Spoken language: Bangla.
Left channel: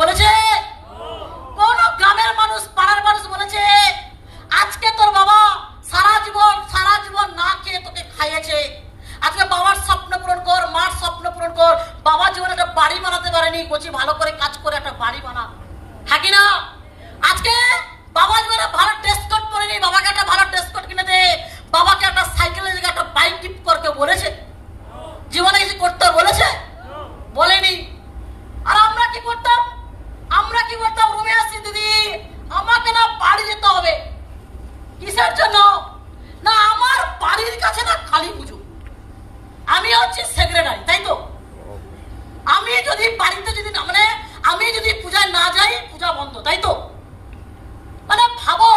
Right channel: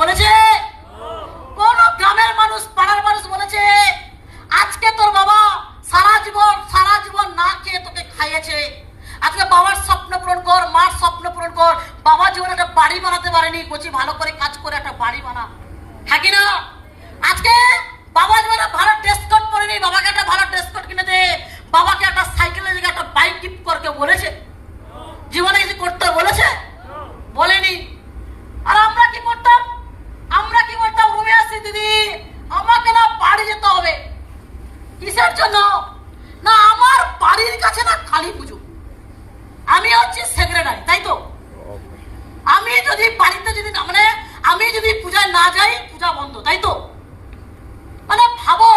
বলেছে? কোন গ্রামের মানুষ, পাড়ার মানুষ বলেছে আজকে তোর বাবা সারা জীবন না খেয়ে তোকে খাইয়েছে, আজকে বাবার স্বপ্ন পূরণ কর, মার স্বপ্ন পূরণ কর। বাবা জীবনে একটা বাড়ি বানাতে পারেনি, কচি ভালো করে কাজ করে একটা বাড়ি বানা, হ্যাঁ কি না? আজকে বাবা জীবনে ভালো ড্রেস কোড পরেনি, বাবাকে একটা ভালো ড্রেস কোড কিনে দে, বাবাকে একটা সাইকেলের জায়গায় একটা বাইক গিফট করকে বলেছে? জীবনে কিছু করতে বলেছে? বলেনি। আর আমরা কি করতাম? রুমে আসছি, দিদি আমাকে না বাড়ি যেতে হবে। কিসের জন্য? না আমার বাড়ির কাছে না কালী পুজো, আমি হচ্ছে সেক্রেটারি, তাই তো? আমি যদি বাড়িতে যদি আমি যদি পূজায় না যাই, পূজা বন্ধ, তাই তো? মানে ভাবো